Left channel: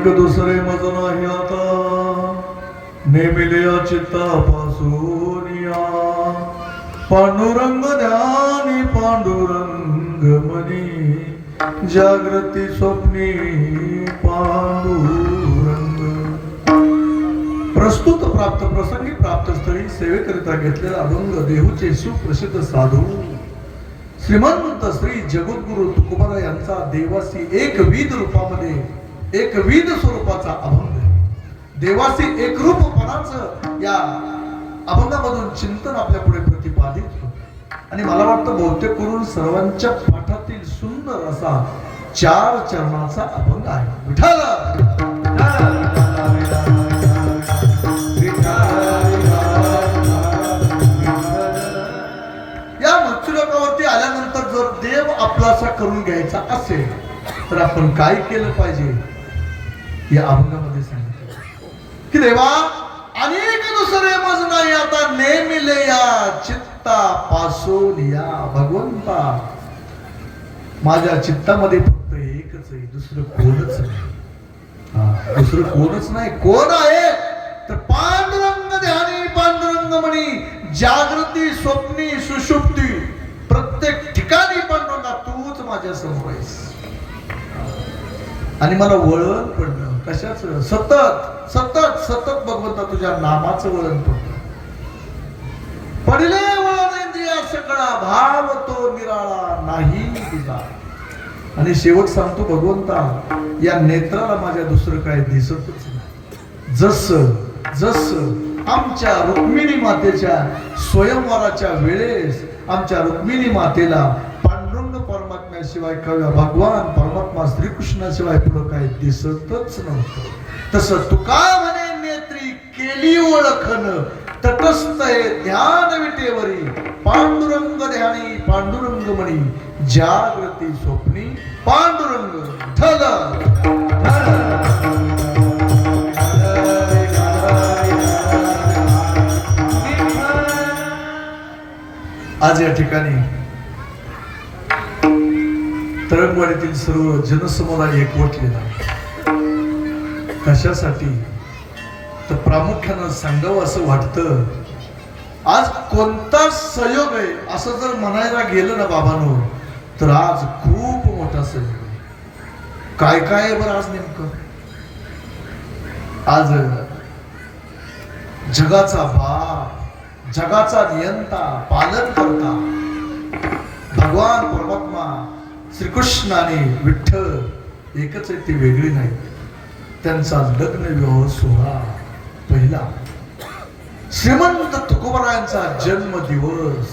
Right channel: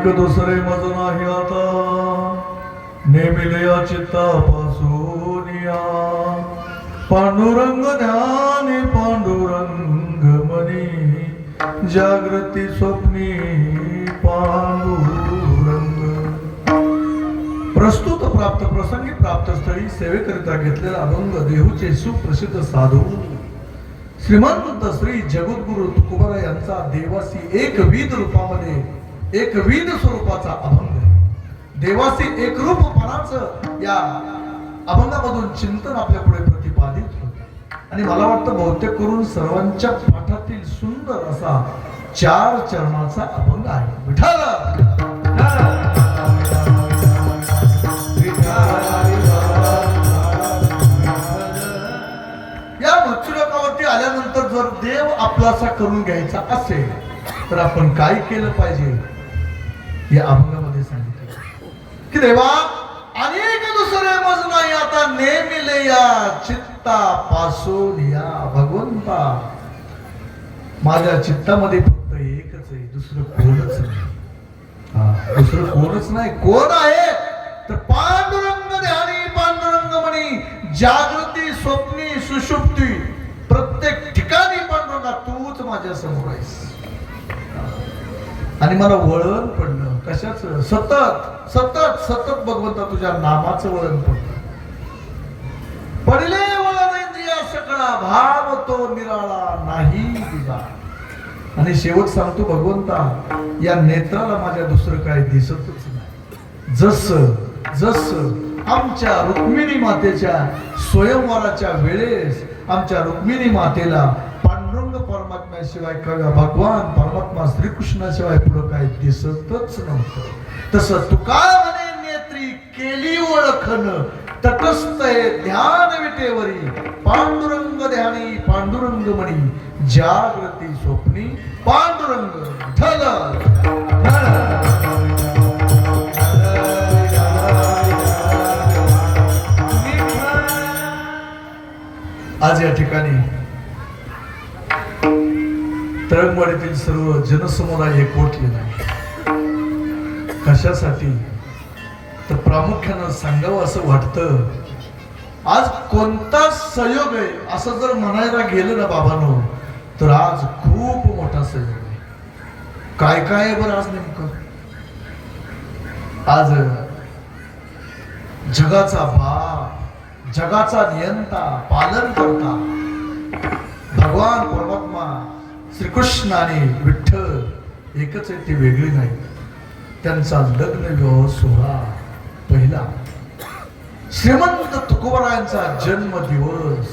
अनेक दुसरे मज नाही आता नेमिले चित्तापासून या पांडुरंग ध्यानी पांडुरंग मनी जागृती स्वप्नी पांडुरंग. प्रस्तुत प्राप्त प्रसंगी प्राप्त स्थळी सेवेकरिता घेतलेला अभंग देहूचे सुप्रसिद्ध साधू श्रीमंत श्री जगद्गुरु तुकोबारा यांचा देवासी एकविध रूपामध्ये एकविध स्वरूपाचा अभंग. देवासी एकरूपपणाचं या अभंगामधून चिंतन आपल्या पुढे प्रतिपादित होते आणि मला वाटतं बहुतेक करून सर्वांच्या पाठातील सुंदर असा 4 चरणाचा अभंग आहे. विठ्ठल आल्यानंतर जर देव आपलासा करून घ्यायचा असेल तर आपण काय केलं पाहिजे या अभंगामध्ये सांगितलं की देवा अनेक दुसरे मज नाही आता नेमिले या चित्तापासून या भगवंता माझ्या चित्तामध्ये फक्त एकच आहे, दुसरं कोणच नाही. दुसरं कोणच नाही. कोण आहे तर पांडुरंग ध्यानी पांडुरंग म्हणी जागृती स्वप्नी सुषुप्ती प्रत्येक ठिकाणी पांडुरंगा तूच माझ्या समोर आहेस. आणि मला वळण पडलं कशाच सतत सतत सतत भगवंता तुझ्या नामाचं वळण पडलं. पडले वळण इंद्रिया सकळा भाव तो निराळा नाही तुझा. आणि शेवट सांगतो भगवंता या नेत्राला माझ्या दुसरं काय दिसतच नाही. जस आमच्या रुक्मिणी मातेच्या स्वयंवराच्या वेळेस आमच्या रुक्मिणी मातेला पांडुरंग परमात्म्याशिवाय किंवा भगवान परमात्मा श्रीकृष्णाशिवाय पुढं काय दिसतच नव्हतं. तसं तुका म्हणे नेत्री केली ओळखन तटस्थ ध्यान विटेवरी पांडुरंग ध्यानी पांडुरंग म्हणी जागृती स्वप्नी पांडुरंग. आज या ठिकाणी तळंगवाडीतील सर्व जनसमुदाय एकवटलेला कशासाठी तर प्रामुख्यानं सांगावं असं वाटतं. आज कोणता संयोग आहे असं जर म्हणायला गेलं ना बाबांनो तर आज खूप मोठा संयोग आहे. काय काय आहे बरं आज नेमकं. आज जगाचा बाप जगाचा नियंता पालन करता भगवान परमात्मा श्रीकृष्ण आणि विठ्ठल एकच आहे, ते वेगळी नाही. त्यांचा लग्न विवाह सोहळा पहिला श्रीमंत तुकोबारायांचा जन्म दिवस,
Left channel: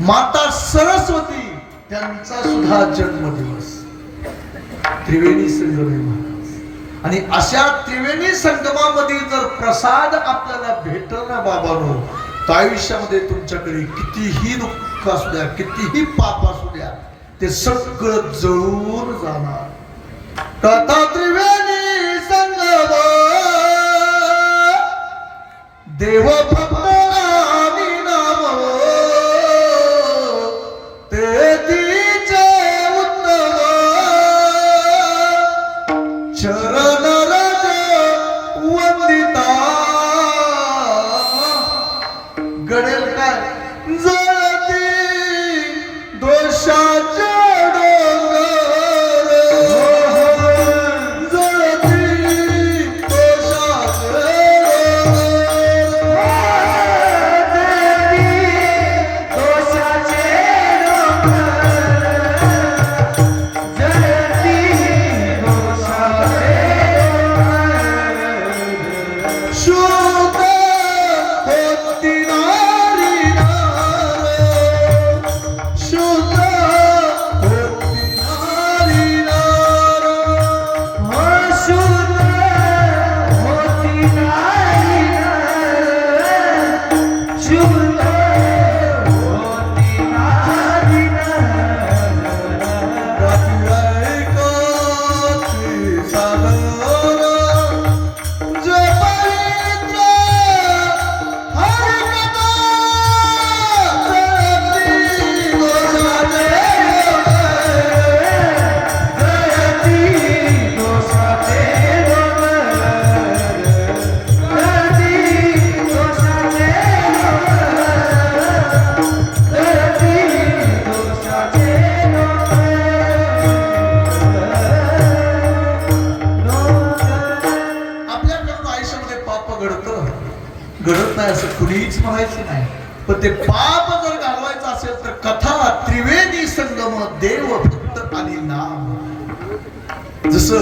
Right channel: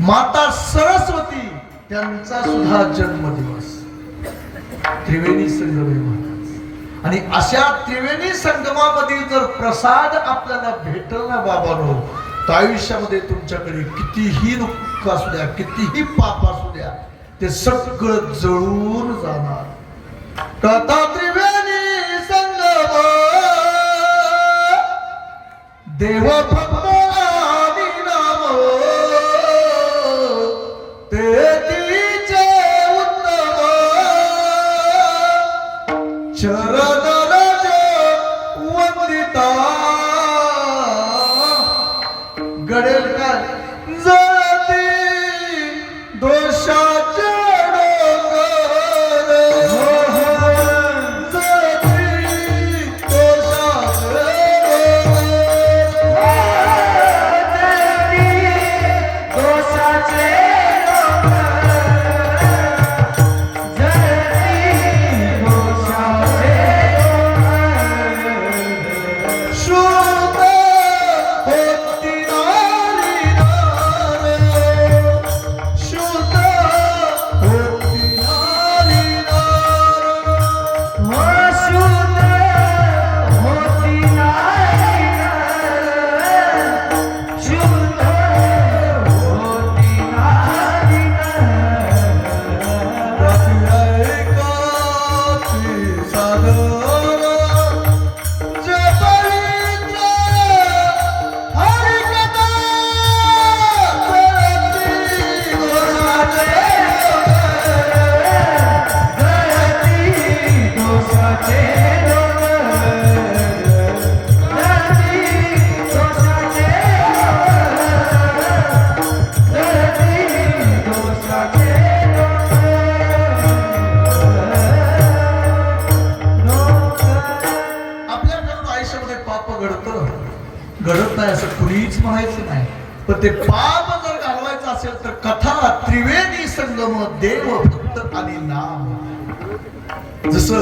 माता सरस्वती त्यांचा सुद्धा जन्म दिवस, त्रिवेणी संगम. आणि अशा त्रिवेणी संगमामध्ये जर प्रसाद आपल्याला भेटल ना बाबांनो तर आयुष्यामध्ये तुमच्याकडे कितीही दुःख असू द्या कितीही पाप असू द्या ते सगळं जळून जाणार. तथा त्रिवेणी संगम देव भक्त आणि नाम ते तिचे उत्तम चरण रज वंदिता. घडेल काय जळती दोषाच्या Yeah. असं कुणीच म्हणायचं नाही. पण ते पाप जर घालवायचं असेल तर कथा त्रिवेणी संगम देव भक्त आणि नाम. जसं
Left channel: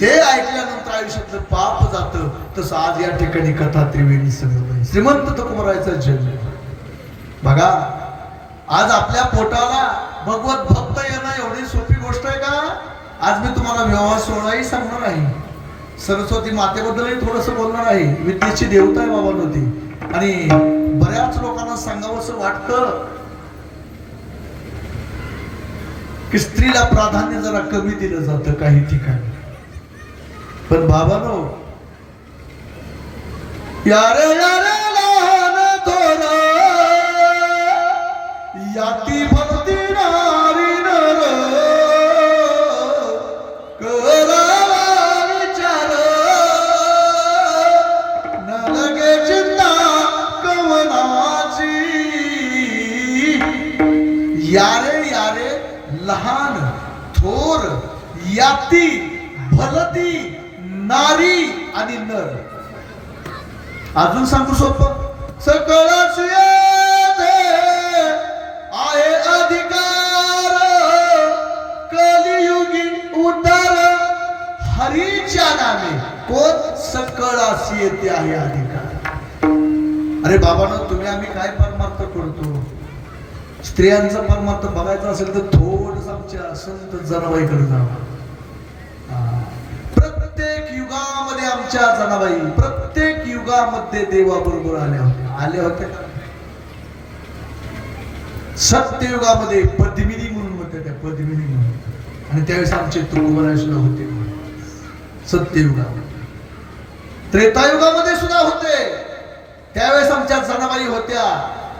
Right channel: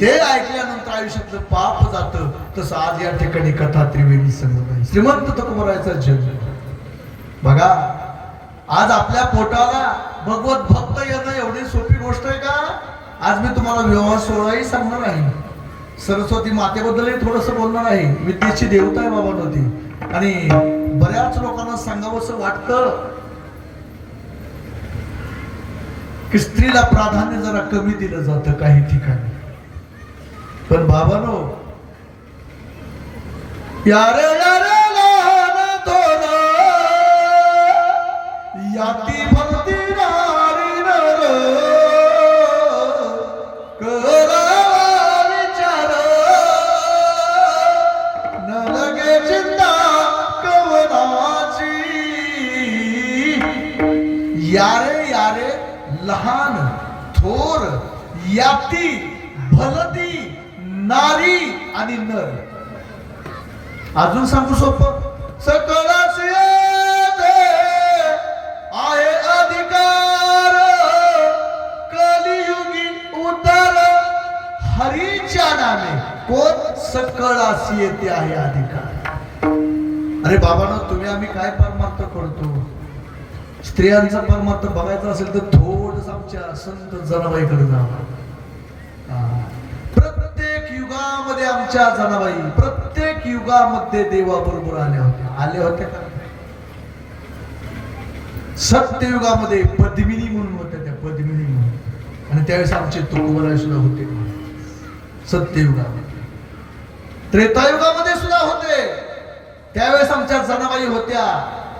ते ऐकल्यानंतर आयुष्यातलं पाप जातं तसं आज या ठिकाणी कथा त्रिवेणी संगम. श्रीमंत तुकोबरायचं जग बघा. आज आपल्या पोटाला भगवत भक्त येणं एवढी सोपी गोष्ट आहे का? आज मी तुम्हाला विवाह सोहळाही सांगणार आहे. सरस्वती मातेबद्दलही थोडस बोलणार आहे. विद्येची देवता आहे बाबा नव्हती. आणि बऱ्याच लोकांना सांगावंसं वाटतं की स्त्रीला प्राधान्य जरा कमी दिलं जातं काही ठिकाणी. पण बाबानो, यारे यारे लहान थोर याती भक्ती नारी नर करा विचार न लगे चिंता कवनाची. यारे यारे लहान थोर याती भलती नारी आणि नर. अजून सांगू सोपं. सकळच आहे अधिकार कलियुगी उतार हरीच्या नामे. कोण? सकळास येते आहे अधिकार. अरे बाबांनो, तुम्ही आम्ही काय परमार्थ करतो? स्त्रियांचा परमार्थ बघायचा असेल तर थोडस आमच्या संत जनाबाईकडे जावं. प्रत्येक युगामध्ये आमच्या जनाबाई प्रत्येक युगामध्ये देवाबरोबर आल्या होत्या. सत्ययुगामध्ये पद्मिनी म्हणून होत्या त्या, पद्मिनी म्हणून. आणि त्यावेळेस आमचे तुकोबराय सुद्धा होते सत्ययुगामध्ये. त्रेतायुगामध्ये सुद्धा होते. त्यावेळेस आमच्या जनाबाई होत्या.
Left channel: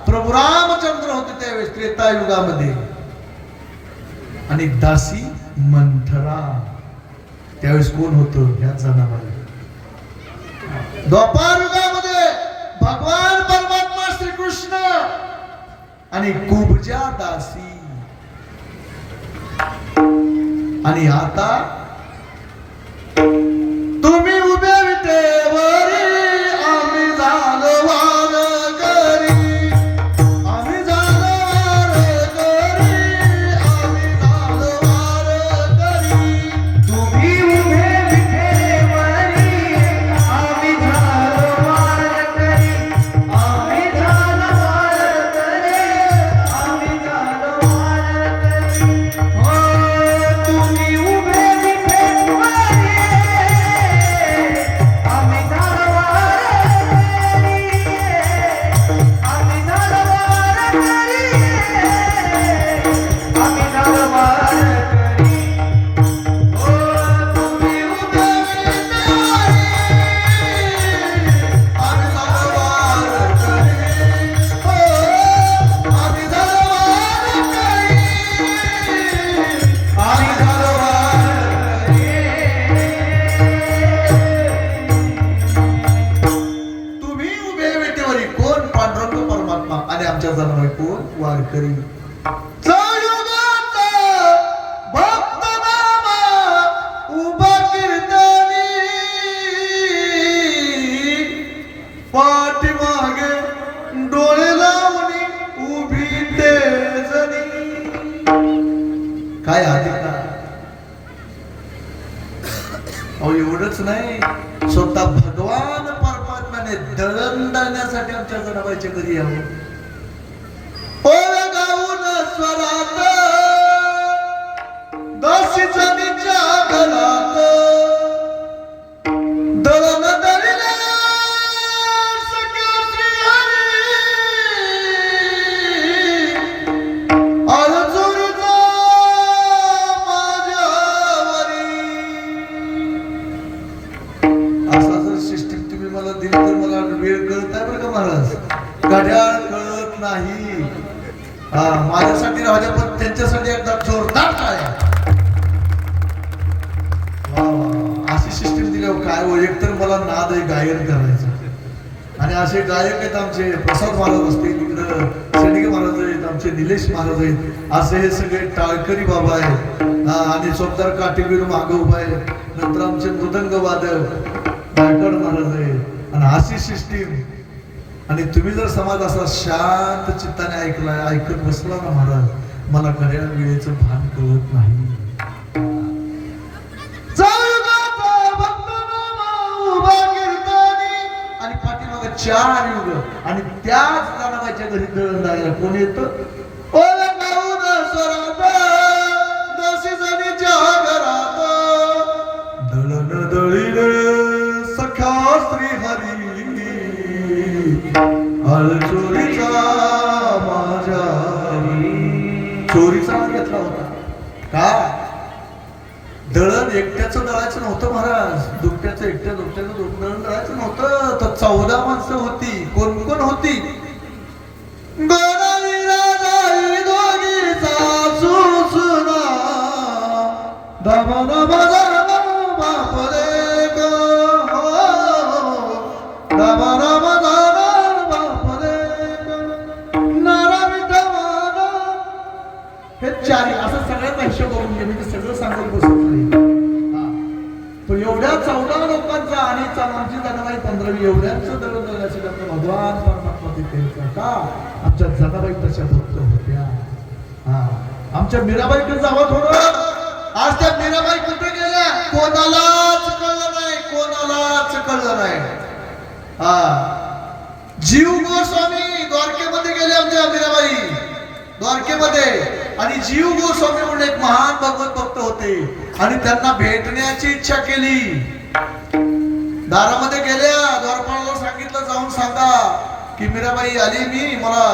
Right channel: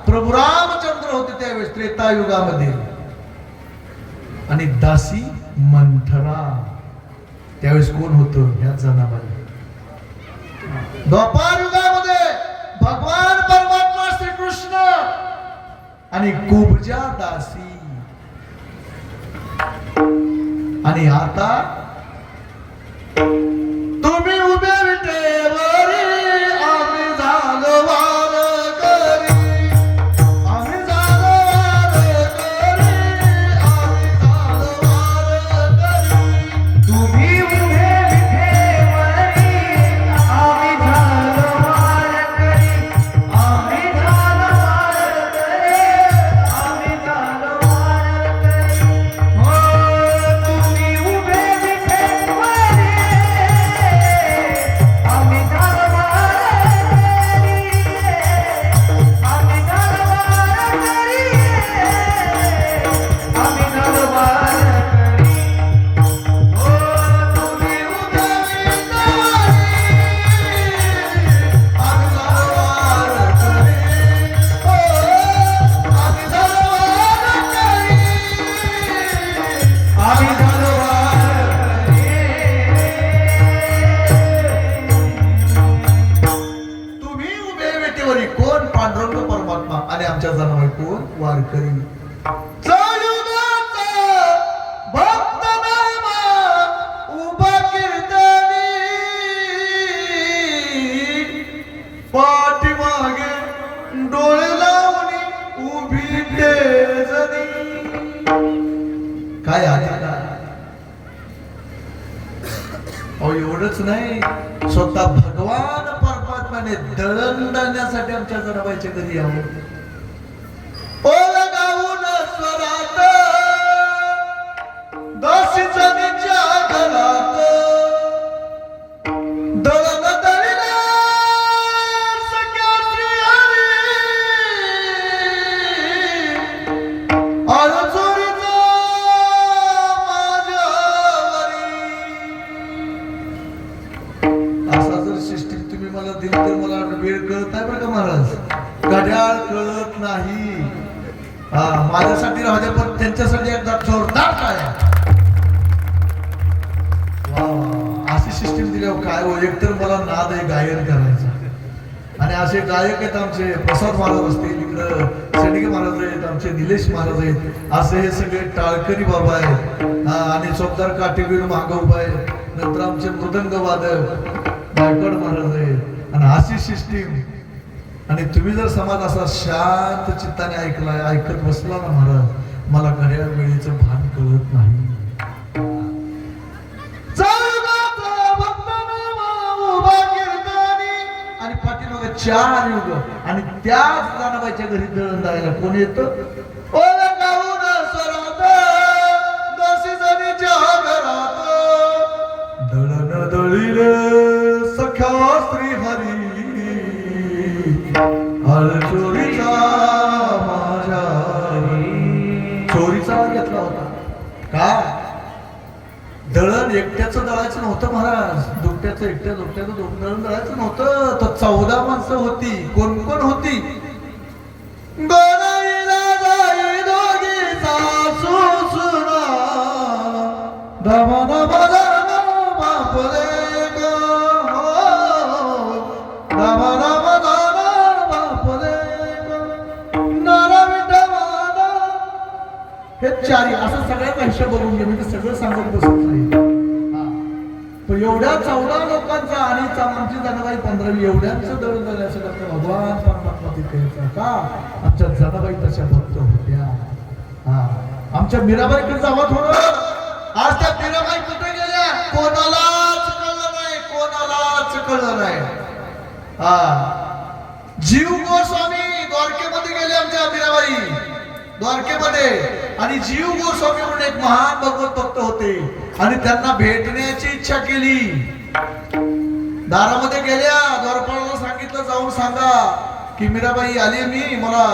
प्रभू रामचंद्र होते त्यावेळेस त्रेतायुगामध्ये. आणि दासी मंथरा त्यावेळेस कोण होतं? ह्या जनाबाई. द्वापार युगामध्ये भगवान परमात्मा श्रीकृष्ण आणि कुब्जा दासी. आणि आता तुम्ही उभ्या विटेवरी आम्ही झालो वारकरी. आम्ही झालो वारकरी. आम्ही झालो वारकरी. तुम्ही उभे विठेवरी आम्ही झालो वारकरी. आम्ही झालो वारकरी. आम्ही झालो वारकरी. हो तुम्ही उभे विठेवरी आम्ही झालो वारकरी. आम्ही झालो वारकरी. आम्ही झालो वारकरी. तुम्ही उभे विटेवरी कोण? पांडुरंग परमात्मा. आणि आमच्या जनाबाई कोण? वारकरी. संयुगात भक्त नामा उभा कीर्तनी पाठीमागे डोळे लावणी उभी तेजनी. काय अधिकार! अहो एवढंच नाही, स्वतः भगवान परमात्म्याने दळण दळण्यासाठी आमच्या जनाबाईच्या घरी यावं. गाऊन स्वरात दासी जमीच्या घरात दळण दळिला सख्या श्रीहरी. आळजूरचा माझ्यावरी. असा जर सिस्टीम तुम्ही मला दिली तर मला वेळ कळत नाही बरं का महाराज. घड्याळ कळत नाही. माझ्यासाठी राहू द्या, पण त्यांच्यासाठी एकदा जोरदार टाळ्या. अशी सिस्टीम दिल्यावर काय हो. एकतर मला नाद आहे गायन करायचं. आणि असे गायक आहेत आमचे प्रसाद महाराज असतील, इकडं शेंडगे महाराज आहेत, आमचे निलेश महाराज आहेत. असे हे सगळे टाळकरी बाबा आहेत. आणि सोबदार काटेवीर मागं उभा आहे. नंतर आमचे मृदंग वादक गायकवाड महाराज आहेत. आणि अशी सिस्टीम आणि तुम्ही जर समाज असा शांत चित्ताने ऐकत बसला ना महाराज, मला खऱ्या वेळेचं भान कळत नाही. आणि पाठीमागे 4 युग आणि त्याच जनाबाईच्या घरी दळण द्यायला कोण येतं? दळण दळीले सख्या श्री हरी चोरीचा माझ्या चोरीचा घेतला होता का? दळण एकट्याचं दळायचं नव्हतं महाराज, दुकट्याचं दुकट्याचं दळण दळायचं नव्हतं. तर 14 माणसं होती. कोण कोण होती? हे 4 असं सगळ्याचा हिशोब बघून घे, म्हणजे सगळं सांगत बसत नाही. पण एवढ्या 14 लोकांचा आणि आमची जनाबाई 15 एवढ्यांचं दळण दळण्यासाठी आपलं भगवान परमात्मा तिथे होता का? आमच्या जनाबाई तशा भक्त होत्या. आमच्या मीराबाईकडे जावं थोडं. आज त्या मीराबाई कुठे गेल्या? कोणालाच कळलं नाही, कोणालाच कळलं नाही. जीव गोस्वामी द्वारकेमध्ये गेले आमच्या मीराबाई, द्वारकेमध्ये. आणि जीव गोस्वामी म्हणून एक महान भगवत भक्त होते आणि त्यांना भेटण्याची इच्छा केली. दारामध्ये गेल्या, द्वारपाळाला सांगितलं जाऊन सांगा की मीराबाई आली, मी मला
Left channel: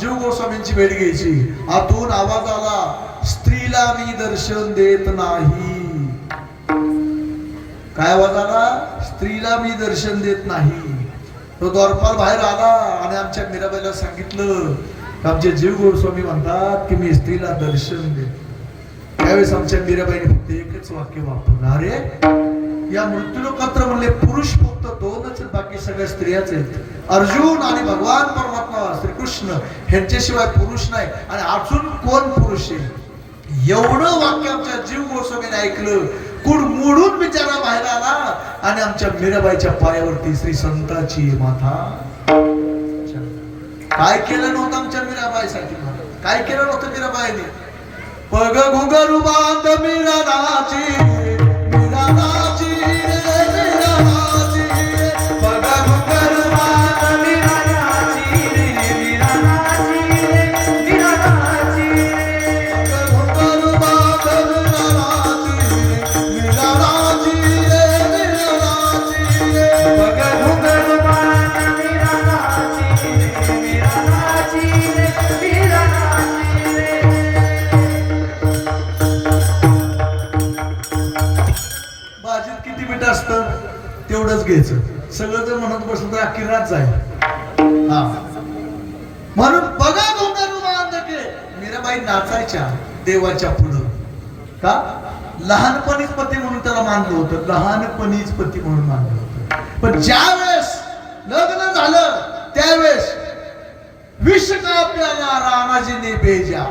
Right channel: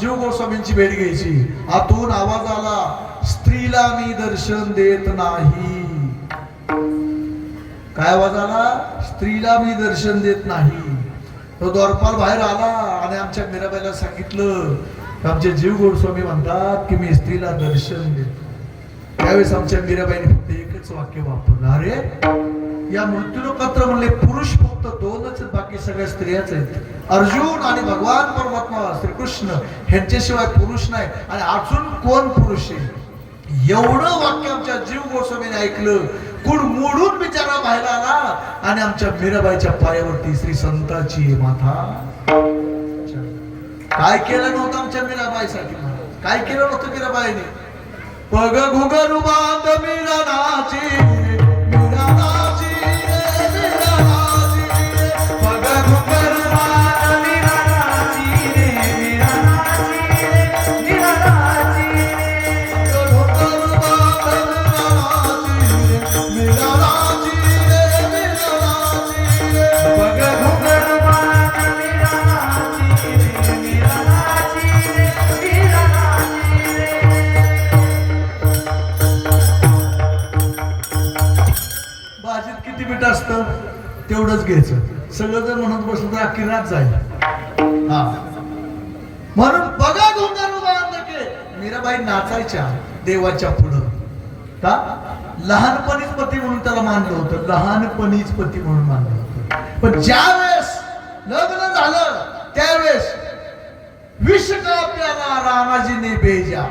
जीव गोस्वामींची भेट घ्यायची. आतून आवाज आला, स्त्रीला मी दर्शन देत नाही. काय आवाज आला? स्त्रीला मी दर्शन देत नाही. तो द्वारपाल बाहेर आला आणि आमच्या मीराबाईला सांगितलं, आमचे जीव गोस्वामी म्हणतात की मी स्त्रीला दर्शन देतो. त्यावेळेस आमच्या मीराबाईने फक्त एकच वाक्य वापरलं, अरे या मृत्यूलोकात्र म्हणले पुरुष फक्त 2च, बाकी सगळ्या स्त्रियाच आहेत. अर्जुन आणि भगवान परमात्मा श्रीकृष्ण ह्यांच्याशिवाय पुरुष नाही. आणि अजून कोण पुरुष आहे? एवढं वाक्य आमच्या जीव गोस्वामीने ऐकलं. कुड मोडून बिचारा बाहेर आला आणि आमच्या मीराबाईच्या पायावरती श्री संताची माथा. काय केलं नव्हतं आमच्या मीराबाईसाठी? काय केलं नव्हतं मीराबाईने? पग घुगर बांध मीराची, मीराची रे मीराची, पग घुगर बांध मीराची रे मीराची रे मीराची, पग घुगर बांध मीराची रे मीराची रे मीराची रे, पग घुगर बांध मीराची रे मीराची रे मीराची रे. भाजीत किती मीठ असतं तेवढंच घ्यायचं. सगळं जर म्हणत बसलं तर अख्खी रात जाईल. म्हणून बघा घुंगरू बांधके. मीराबाई नाचायच्या देवाच्या पुढं का? लहानपणीच पती म्हणून त्याला मानलं होतं, लहानपणीच पती म्हणून मानलं होतं. पण ज्या वेळेस लग्न झालं त्यावेळेस विष का प्याला रामाजीने बेजा.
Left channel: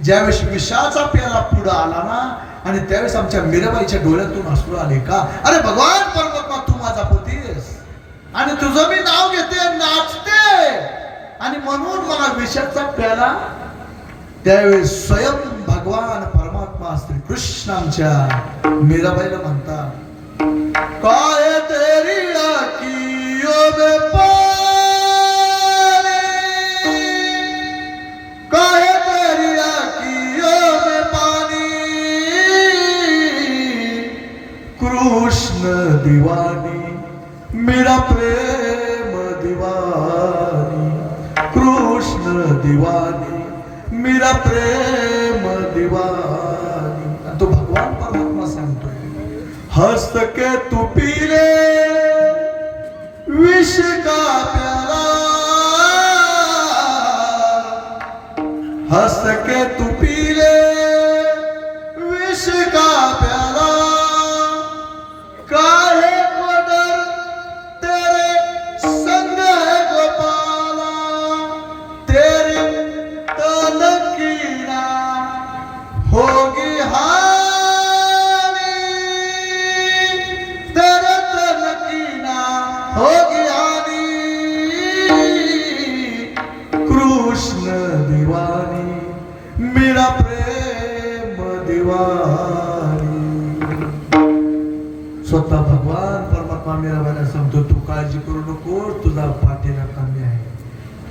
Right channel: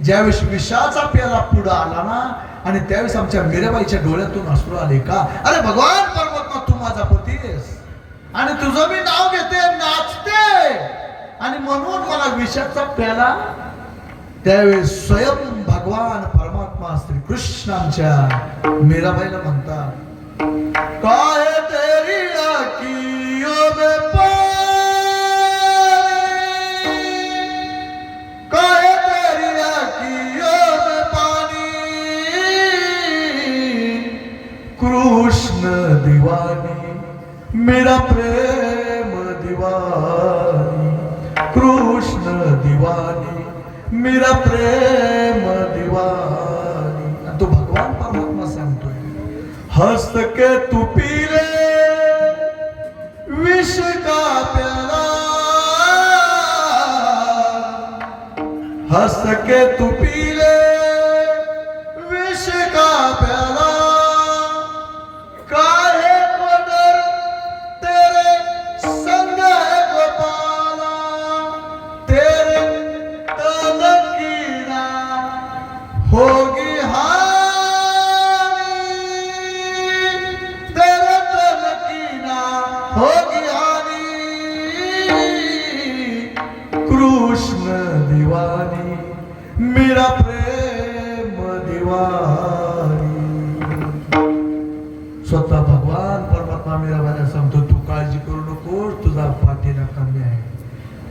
ज्यावेळेस विषाचा प्याला पुढं आला ना, आणि त्यावेळेस आमच्या मीराबाईच्या डोळ्यातून अश्रू आले का? अरे भगवान परमात्मा, तू माझा पती आहेस आणि तुझं मी नाव घेते, नाचते, आणि म्हणून मला विषाचा प्याला. त्यावेळेस स्वयं भगवान परमात्मा श्री कृष्ण आमच्या मीराबाईला म्हणतात, काय तेरी आँखियों में पानी, काय तेरी आँखियों में पानी, कृष्ण दीवानी मेरा प्रेम दीवानी, कृष्ण दीवानी मेरा प्रेम दीवानी. आणि तो भगवान परमात्मा सांगतो, हंस के तू पी ले विष का प्याला, हंस के तू पी ले विष का प्याला, काहे को डर तेरे संग है गोपाला, तेरे तन की ना होगी हानि, तेरे तन की ना होगी हानि.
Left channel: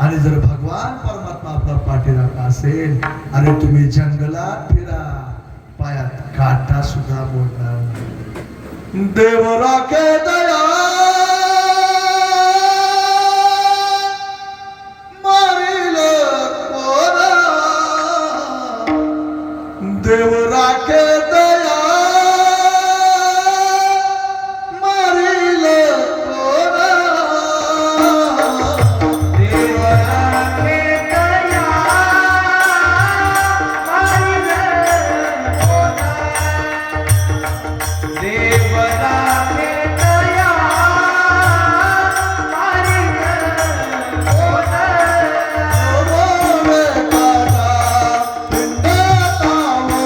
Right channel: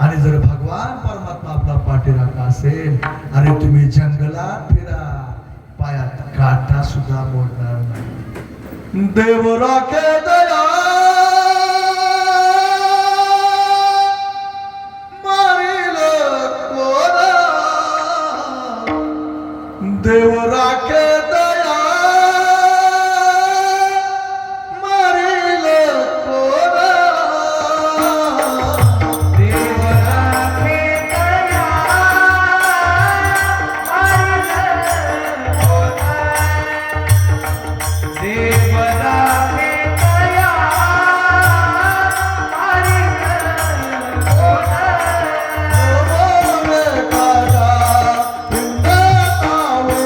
आणि जर भगवान परमात्मा आपला पाठीराखा असेल, अरे तुम्ही जंगलात फिरा, पायात काटा सुद्धा मोडणार नाही. देव राखे दया मारिल कोण, देव राखे दया मारिल कोण, देव राखे दया मारिल कोण, देव राखे दया मारिल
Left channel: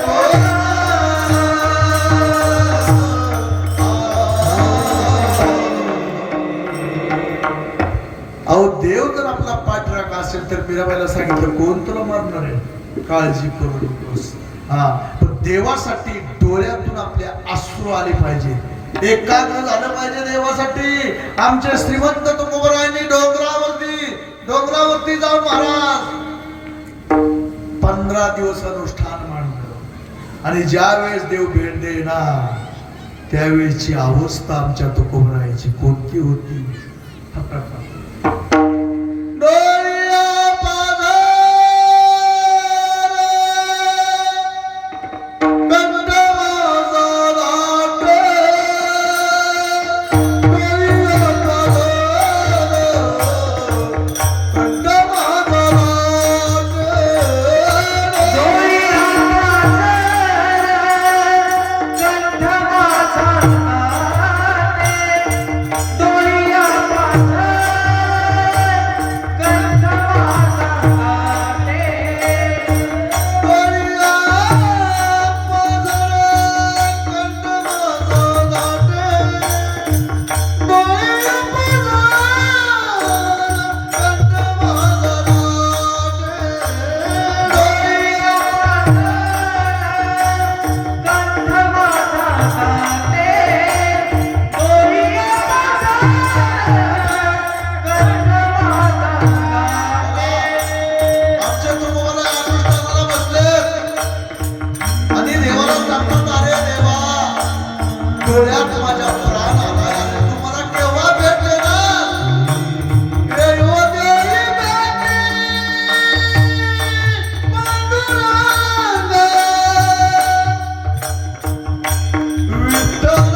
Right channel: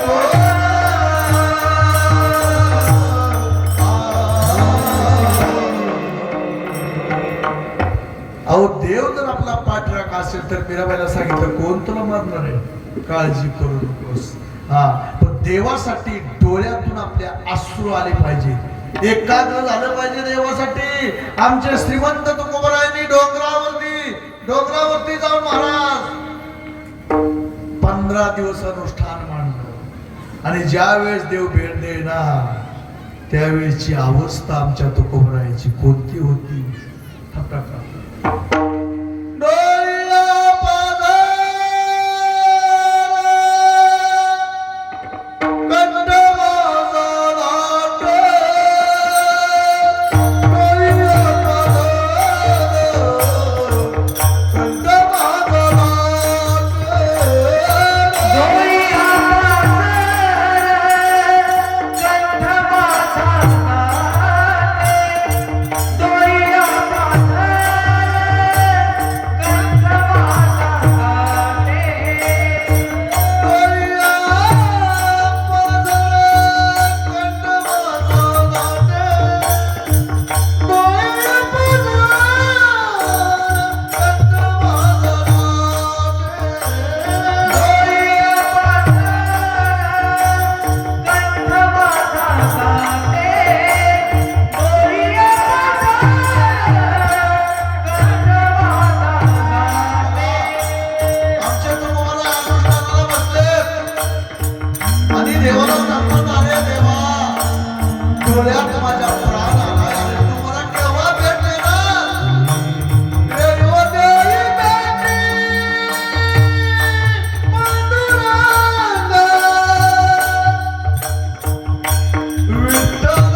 कोण. अहो देव जर आपला पाठराखा असेल तर मीराबाईला सांगितलं कोण तुला मारणार आहे, काळजी करू नकोस. हा, पण देवासाठी डोळ्यातून आपल्या अश्रू आले पाहिजे, एकाग्र झालं पाहिजे देवासाठी. आमचे श्रीमंत तुकोबरायांनी डोंगरावरती जाऊन महाराज 15 दिवस अनुष्ठान मांडलं, आणि ज्या वेळेस देव भेट देणार त्यावेळेची अवस्था आमच्या तुकोबरायाची कोणती होती. डोळ्यात माझ्या प्राण आला, तुम्हाला केव्हा भेटले ना, देव देई भेटे पांडुरंग, विठ्ठल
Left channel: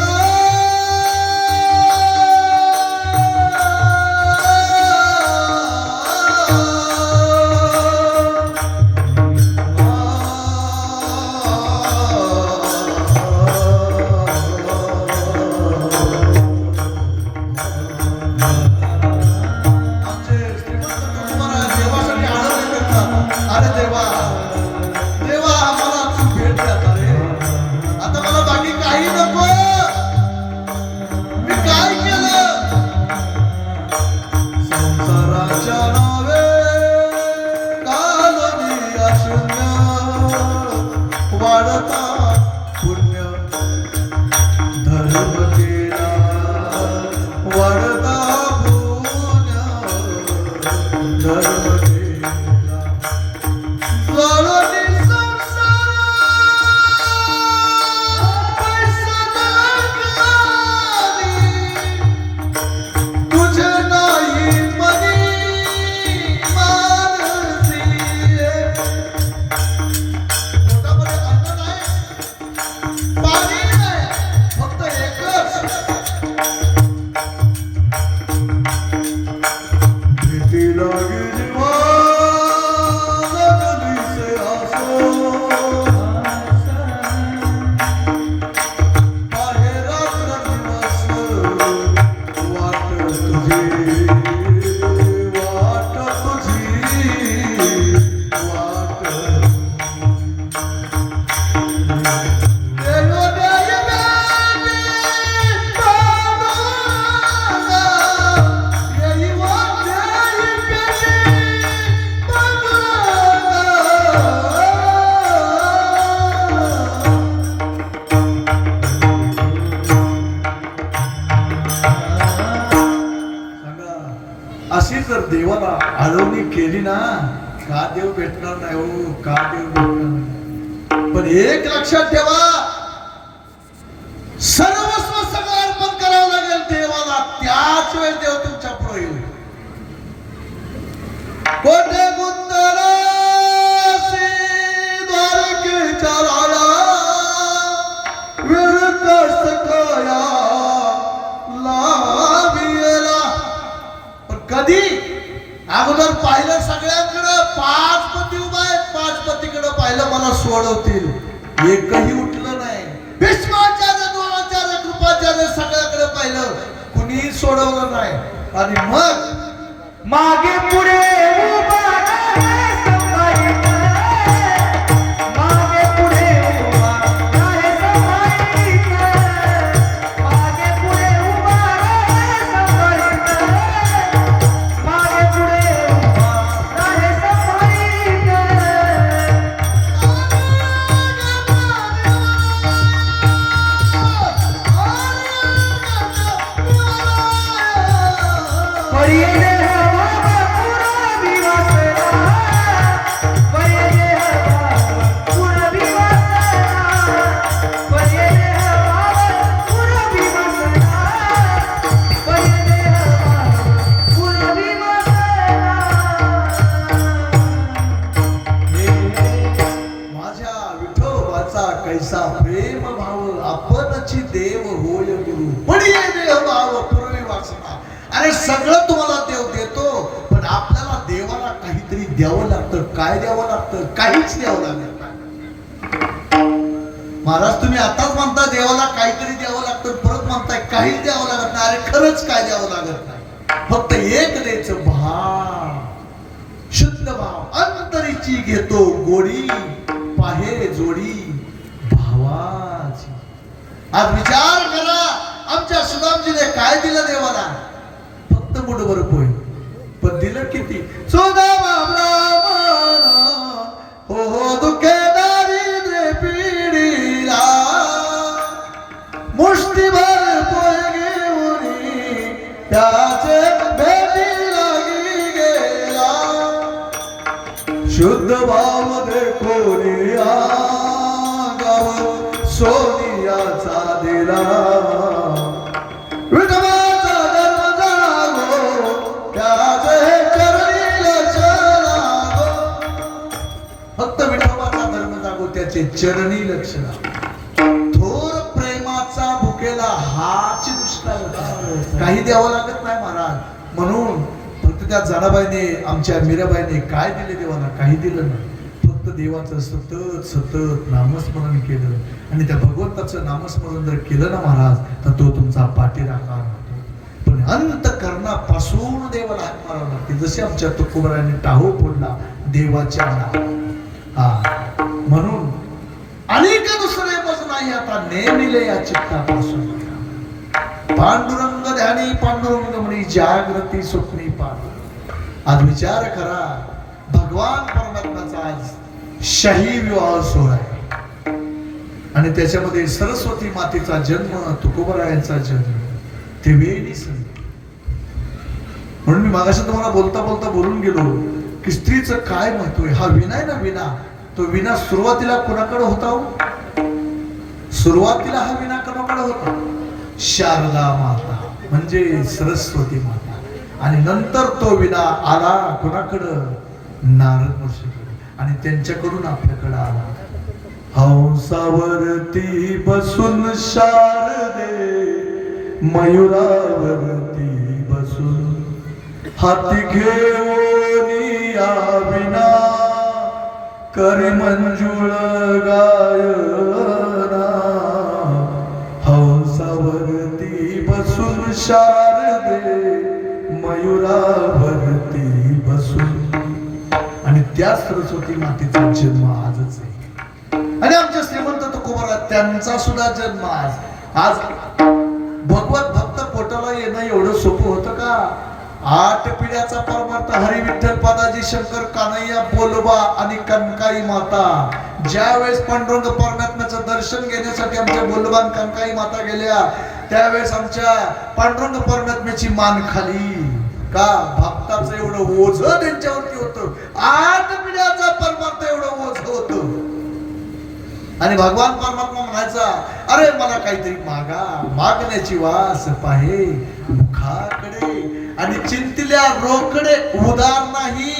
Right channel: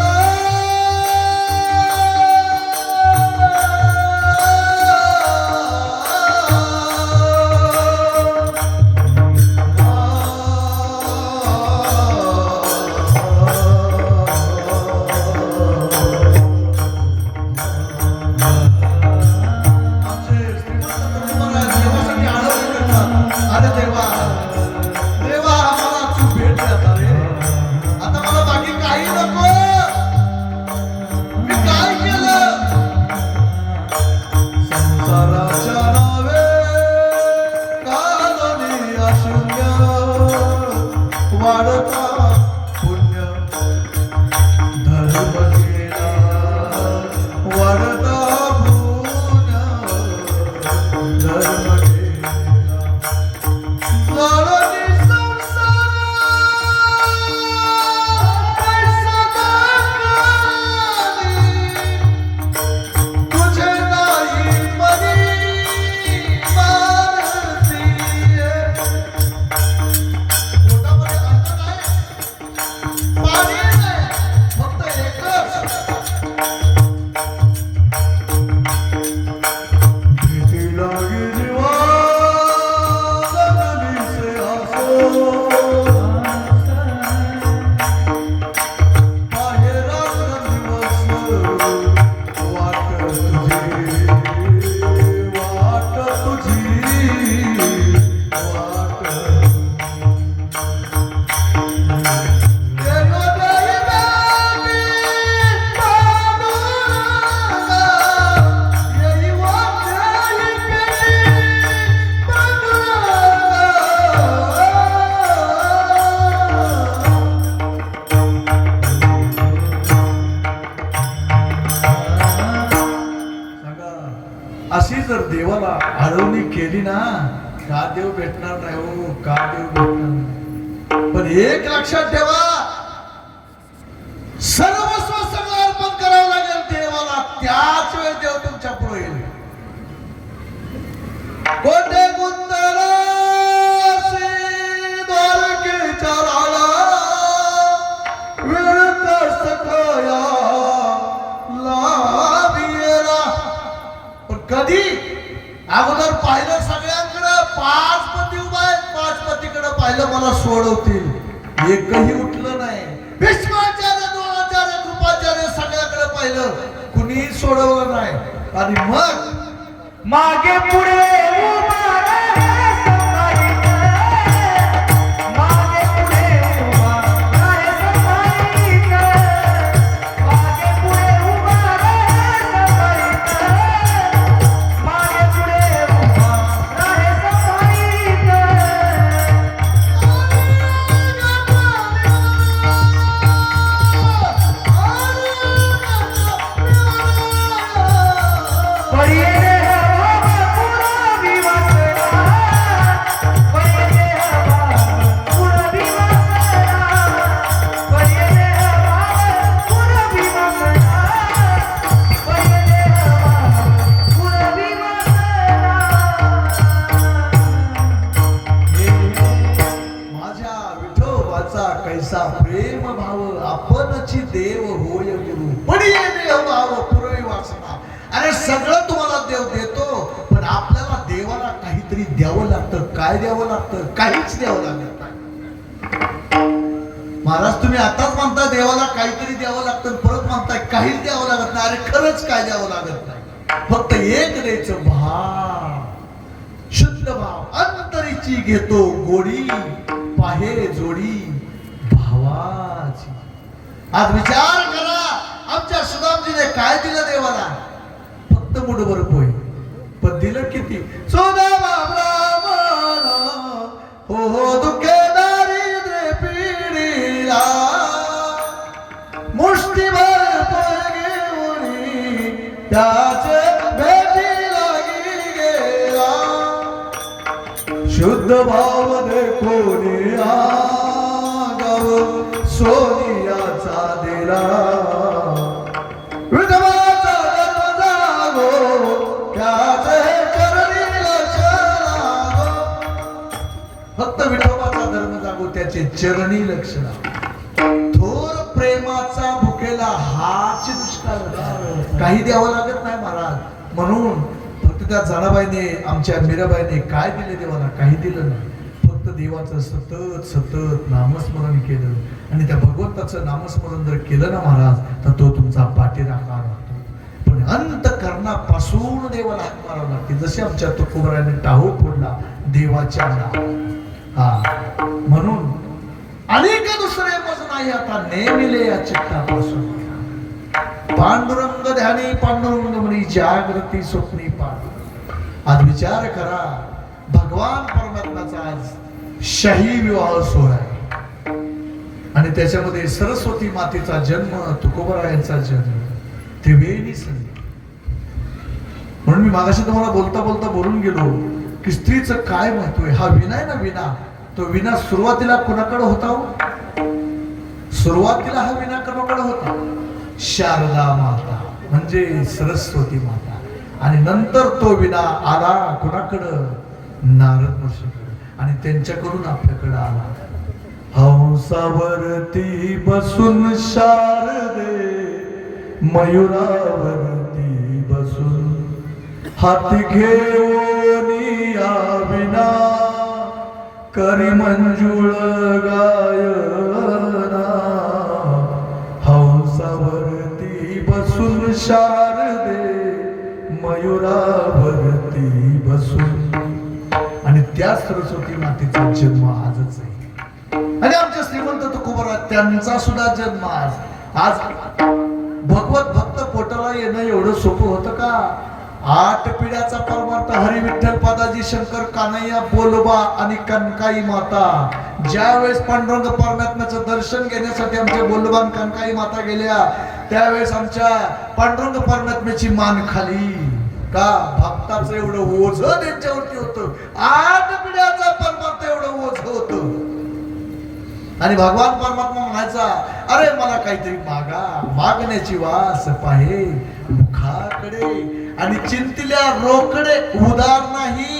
जर देवाला आळवणी केली ना, का देव भेटणार नाही हो, का देव भेटणार नाही. पण एक लक्षात ठेवा, सर्वस्व सगळं अर्पण करावं लागेल देवाला, त्याच वेळेस देव तुमच्या पुढे येईल. कोठे गुंतलासी द्वारकेच्या राळा, वेळ कसकया लाविला. पण कधी अगोदर पाहिलं सगळ्यांकडे, 5 पती उभा आहेत, 5 पतीकडे पाहिलं, मला सोडवतील, एकही उठलं नाही. भीष्माचार्य, द्रोणाचार्य, कृपाचार्य सगळ्याकडे पाहिलं, कुणीही सोडवलं नाही. आणि मग मागे पुढे उभा राहे संभाळीत, मागे पुढे उभा राहे संभाळीत, मागे पुढे उभा राहे संभाळीत, मागे पुढे उभा राहे संभाळीत. परिये माझ्या विठोबाचा कैसा प्रेम भाव, आपणची देव होय गुरु, पडिये देह भाव पूर्वी वासना. अरे सगळं तुम्हाला देव देतो, पण आपल्याला देवाला काहीतरी द्यावं लागतं. काय द्यावं लागतं? काहीच द्यावं लागत नाही. महाराज तुम्ही आताच म्हणता देवाला काहीतरी द्यावं लागतं, परत म्हणताय काहीच द्यावं लागत नाही. अरे खरंच काय द्यावं लागत नाही, फक्त एक द्यायचं, भाव, शुद्ध भाव. अंतरीची घेतो गोडी, पाहे जोडी भावाची. आज विचार करा, आमच्या सुदामजीने काय दिलं देवाला? फक्त मुठभर पोहे, पण दिलं किती? सुदामा ब्राह्मणा, हो दुखे दारिद्र्य पीडिला, मुष्टीभर पोहे घेऊन त्याचे भेटी लागी गेला. शुद्ध भाव देखोनी गाव सोनियाचा दिला, विठोबाचा धर्म जागो, त्याचे चरणी लक्ष लागो. फक्त विठोबाचा धर्म जागो, त्याचे चरणी लक्ष लागो. थोर प्रेमाचा भुकेला हाच दुष्काळ होता. काही द्यावं लागत नाही महाराज. म्हणून फक्त त्या जनाबाईने, आमच्या मीराबाईने काय दिले देवाला? काही दिलं नाही. फक्त देवाचं सतत सतत नामस्मरण केलं, आणि त्या भगवंताचं नामस्मरण जर केलं ना महाराज, तर तो तुमचा पाठीराखा राहतो. पण अंतकरणापासून देवाला हाक मारावं लागते. जसे आमच्या तुकोबराने टाहो फोडला देवाच्या नावावर. हा, म्हणून अनेक दुसरे मज नाही आता, नेमिले या चित्तापासून. पांडुरंग ध्यानी पांडुरंग म्हणी, जागृती स्वप्नी पांडुरंग. आज विचार करा, भगवान परमात्म्याचा आज शाही विवाह सोहळा आहे, आणि त्याच्यामध्ये सरस्वती मातेचा जन्म, तुकोबरायांचा जन्म, त्रिवेणी संगीत. म्हणून मी मागाशी तुम्हाला बोलता बोलता बोलून गेलो की स्त्रीचं काय महत्व आहे. हा विना आहे ना, विना, तो विना सुरुवातीला कोणाकडे होता हो? सुरुवातीला हा विना कोणाकडे होता? शारदा माता, म्हणजे सरस्वती माता. आणि नंतर तो विना आला कोणाकडं? नारद ऋषीकडे, आणि त्यांच्याकडून आपल्याकडे आला. हंसावरती बसून शारदे, मयुरावरती बसून हाती घेऊन या विना, करी मंजुळ गायना. हंसावरती बसून शारदे, मयुरावरती बसून. आणि त्या सरस्वती मातेचा जन्म आजच आहे. आणि आमच्या श्रीमंत तुकोबरा त्यांचा सुद्धा जन्म आज. आज भगवत भक्त पोटाला येणं एवढं सोपं होतं का? 8 पिढ्याचा परमार्थ हरी विठ्ठल पादाजी शंकर कान्हैया बोलबा आणि कनकाई माता. ज्या वेळेस पांडुरंग परमात्म्याचं दर्शन घेण्यासाठी आमच्या बोलबा आणि कनकाई माता गेल्या, त्यावेळेस आमच्या पांडुरंग परमात्म्याची मान खाली. का भक्ताचं एवढं ओझ त्यांच्यावरती होतं, 8 पिढ्याचा परमार्थ एवढं ओझ होतं. आणि भगवान परमात्मा म्हणायचा, अरे मला काहीतरी मागा, मागण्याची वास पाहे मुखाकडे, आणि चिंतिल्या रोकडे उदार नाही.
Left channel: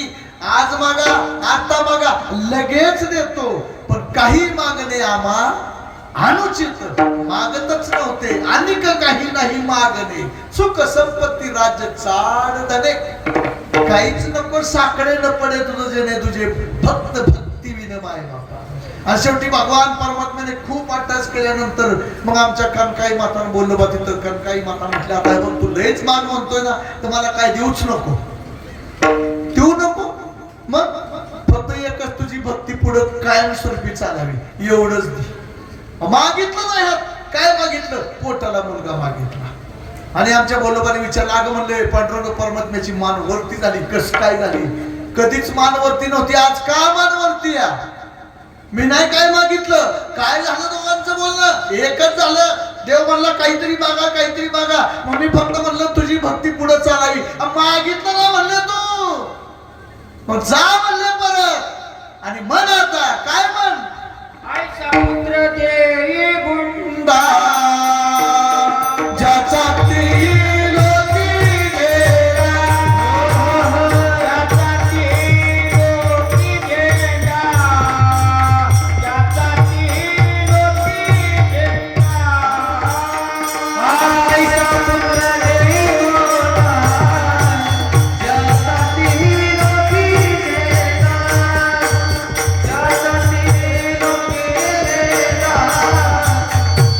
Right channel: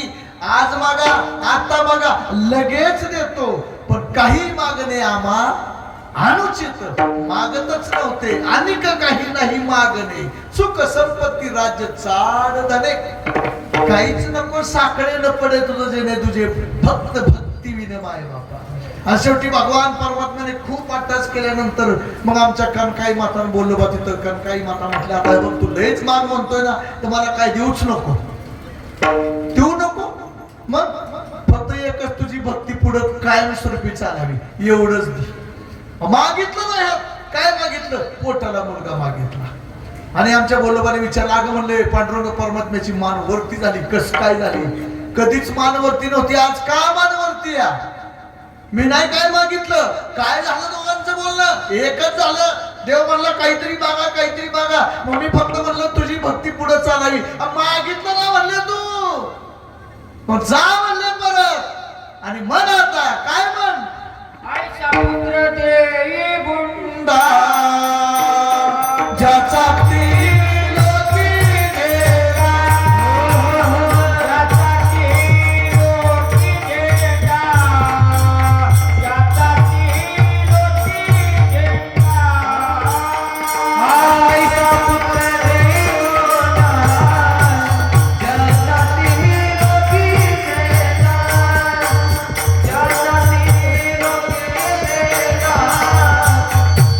आज मागा, आता मागा, लगेच देतो, पण काही मागणे आम्हा अनुचित. मागतच नव्हते, अनिक काही नाही मागणे, सुख संपत्ती राज्य चाड धने, काहीच नको साकडे न पडे तुझं जेणे तुझे, फक्त भक्ती विन माय बापा. आणि शेवटी भगवान परमात्म्याने खूप अट्टास केल्यानंतर मग आमच्या कनकाई मातानं बोललो बा, तिथं कनकाई माता म्हटल्या, आता बघ तू लयच मान म्हणतोय ना, तर मला काय देऊच नको, देऊ नको, मग फक्त एकच तुझी भक्ती पुढे कायमस्वरूपी चालावी एवढंच दे. मागितलं नाही, काय मागितलं, पोटाला मुलगा मागितला. आणि आमच्या बोलोबाने विचारलं, अगं म्हणले पांडुरंग परमात्म्याची मान वरती झाली, कस काय झाली, कधीच मान वरती नव्हती, आज का मान वरती या? मी नाही काय मागितलं, काय झालं दोघांचं बोलणं एकच झालं. देव म्हणला काहीतरी मागा, काहीतरी मागा, मग मी फक्त म्हणलं तुझी भक्ती पुढे चालावी. मागितलं ना म्हणले तू, मग जा म्हणले परत, आणि मन आता काय म्हण, आईचा पुत्र देई गुंडा, ज्याचा त्रिलोकी गेला, ज्याचा त्रिलोकी गेला, ज्याचा त्रिलोकी गेला. आईचा पुत्र देई गुंडा, ज्याचा त्रिलोकी गेला, ज्याचा त्रिलोकी गेला,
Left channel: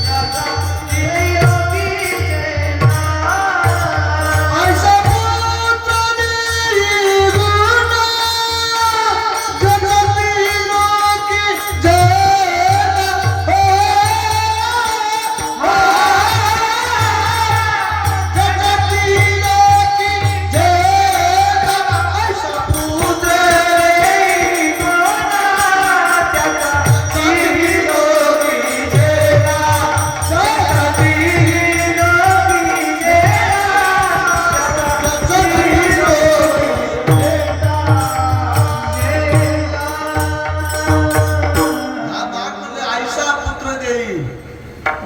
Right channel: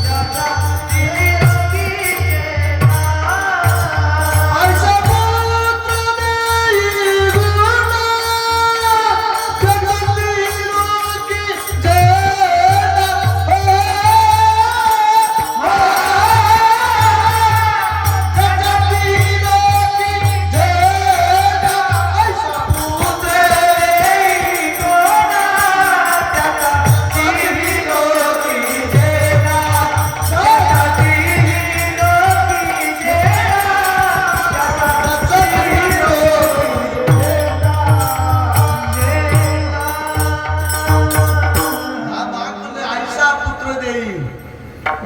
ज्याचा त्रिलोकी गेला. ऐसा पुत्र देई गुणा, जगती लोकी जेना, जगती लोकी जेना. ऐसा पुत्र देई गुणा, ज्याचा त्रिलोकी गेला, ज्याचा त्रिलोकी गेला, ज्याचा आईसा पुत्र देई.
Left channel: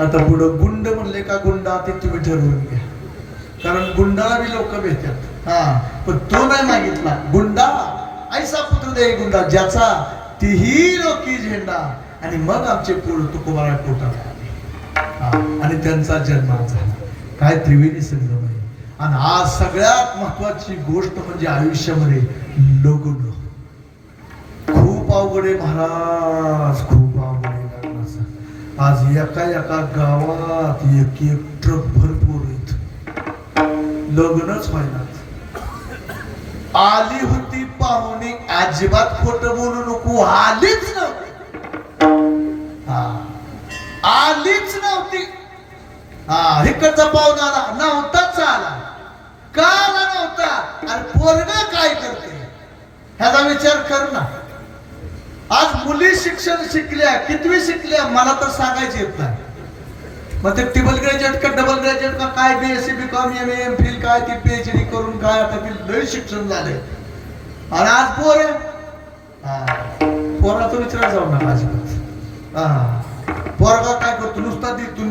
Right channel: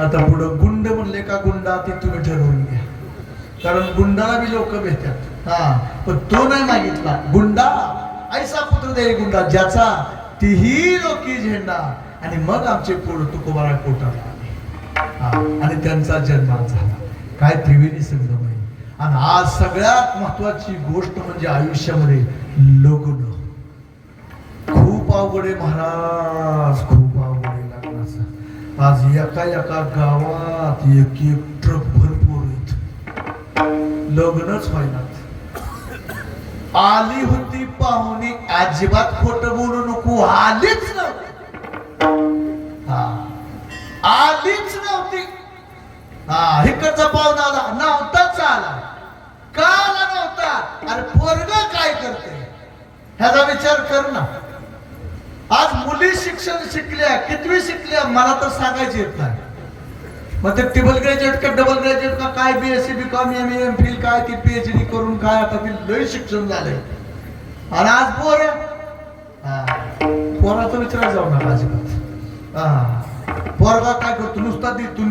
आता पुढं गुंड म्हणले का गुंडा, ते तुम्ही ठरवून घ्या, कारण गुंडाला बी लोक भेटतात. पण तो नाही मागितला, गुंडा ऐसा पुत्र देई गुंडा, ज्याचा तीही लोकी झेंडा. आणि मग आमचे पोळ तुकोबारा पोटाला आले, आणि त्यांचा जन्म झाला. काय त्रिवेणी संगम आहे. आणि आज सगळ्यात महत्वाची गोष्ट म्हणजे आयुष्यामध्ये लग्न. खूप अवघड आहे महाराज, खूप अवघड आहे लग्नाचं. आज एका एका गावात एक एक ट्रक भरपूर आहेत, लग्नच व्हायला. आली होती पाहुणी, अजिबात खोटं बोलू नको, आलीच नव्हती. आलीच नव्हती. इकडचा पाहुणा आला नव्हताच, आला का आला नव्हता, अरे पोरगा काय करते ह्याचा विचार कर ना. आज मुली शिक्षण शिकल्या, कितवी शिकल्या मला तर सांगायची येत नाही. मग ते ट्रिपल ग्रॅज्युएट का डबल ग्रॅज्युएट का काय, BSc BCom MA MPhil काय, ती PhD करून काय, आता ती लय शिक्षण झालंय. आणि आज पोराचा विचार जाऊ नका अजिबात. पोरगा काय करतो, नुसता तिथून